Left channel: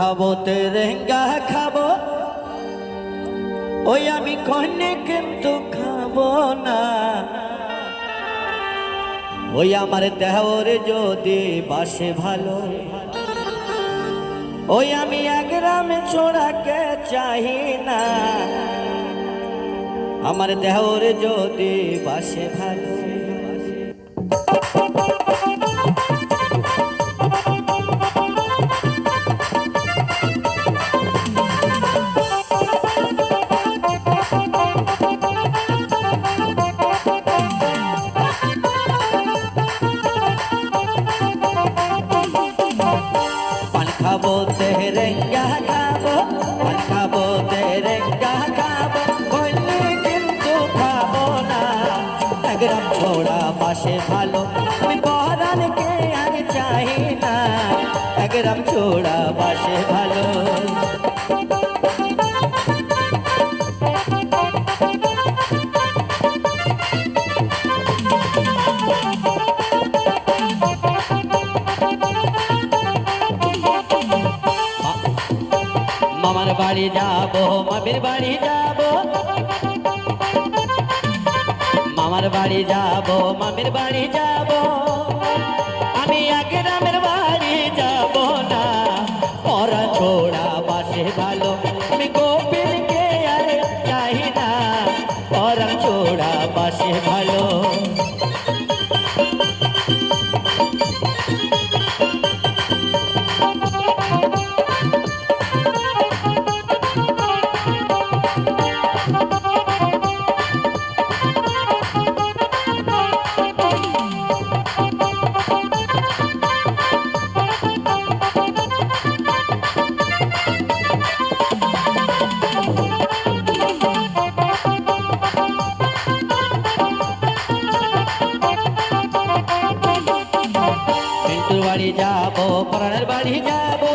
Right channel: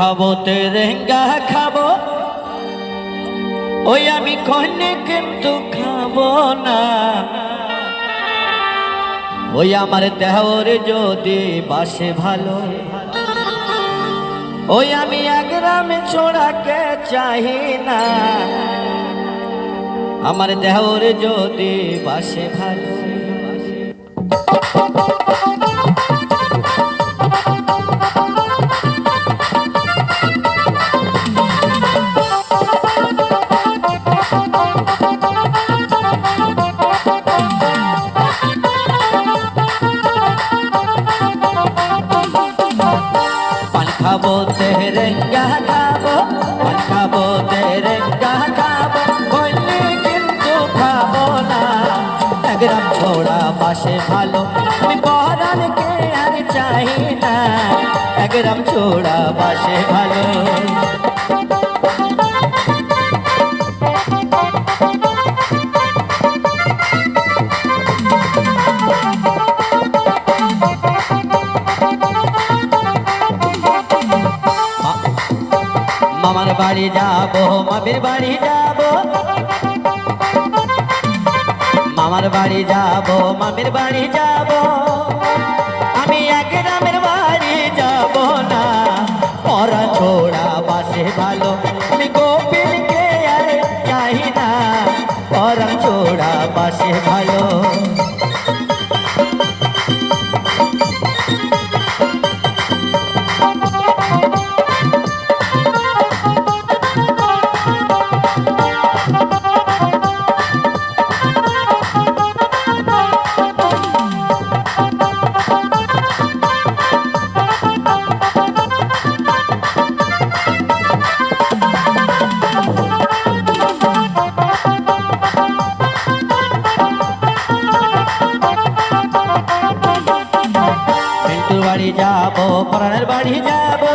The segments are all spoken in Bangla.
খাবো তেরেঙ্গা খাবো, ওই আমি কইনি কিন্তু খাবো না। ওই আমার দেহরে যদি বাসে ভালো, ওই আমি এক গ্রামে ছোড়াকে চাহি না। আমার দেহরে যদি বাসে ভালো, খাবো তেরেঙ্গা খাবো, পান খাবো তেরেঙ্গা খাবো, কইনি কিন্তু খাবো না। এক গ্রাম ছোড়া বাসে ভালো, আমি পরানকে আর চাই না। এক গ্রাম ছোড়া বাসে ভালো। মামার বাড়ি যাবো, মামির বাড়ি যাবো, মামার বাড়ি যাবো, মামির বাড়ি যাবো, আমি এক গ্রামের বাড়ি যাবো না। পরা ছোড়া বাসে ভালো, আমি গোপীকে আর চাই না। পরা ছোড়া বাসে ভালো। মিন্টুর বাড়ি যাবো, পরানের বাড়ি যাবো,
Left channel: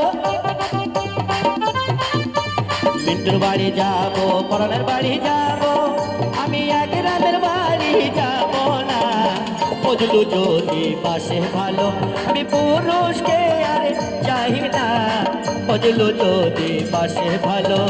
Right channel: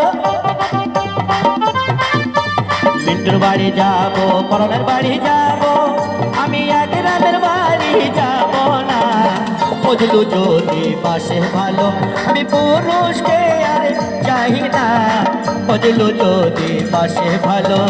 মিন্টুর বাড়ি যাবো, পরানের বাড়ি যাবো, আমি এক গ্রামের বাড়ি যাবো না। বুঝলু যদি বাসে ভালো, আমি পুরুষকে আর চাই না। বুঝলু যদি বাসে ভালো।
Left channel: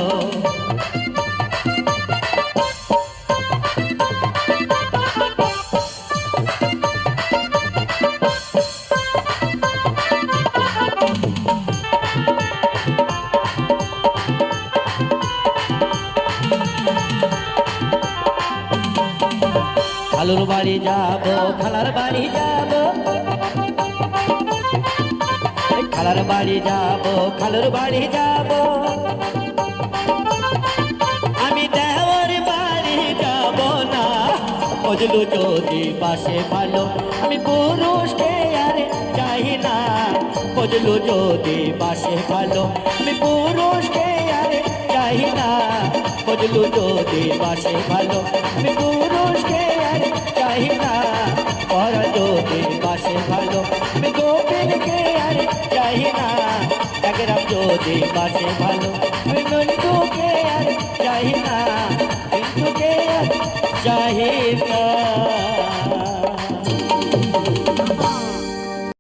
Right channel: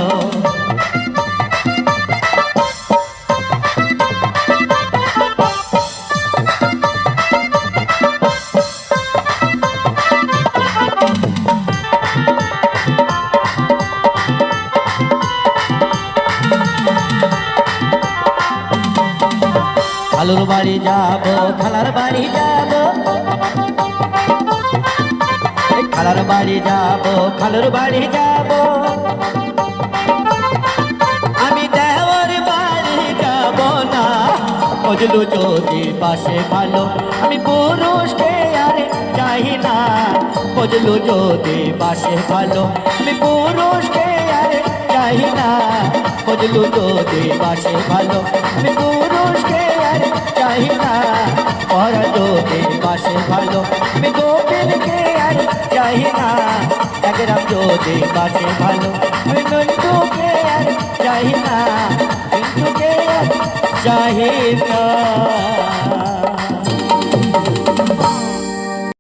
খালুর বাড়ি যাবো, খালার বাড়ি যাবো, খালার বাড়ি যাবো, খালুর বাড়ি যাবো, আমি দেওয়ার বাড়ি যাবো না। বুঝলু যদি বাসে ভালো, আমি পুরুষকে আর চাই না। বুঝলু যদি বাসে ভালো, আমি পুরুষকে আর চাই না। বুঝলু যদি বাসে ভালো, আমি পুরুষকে আর চাই না। পরা যদি বাসে ভালো, আমি গোপীকে আর চাই না। এক গ্রাম যদি বাসে ভালো, আমি নন্দুকে আর চাই না। কিন্তু কে আর চাই না।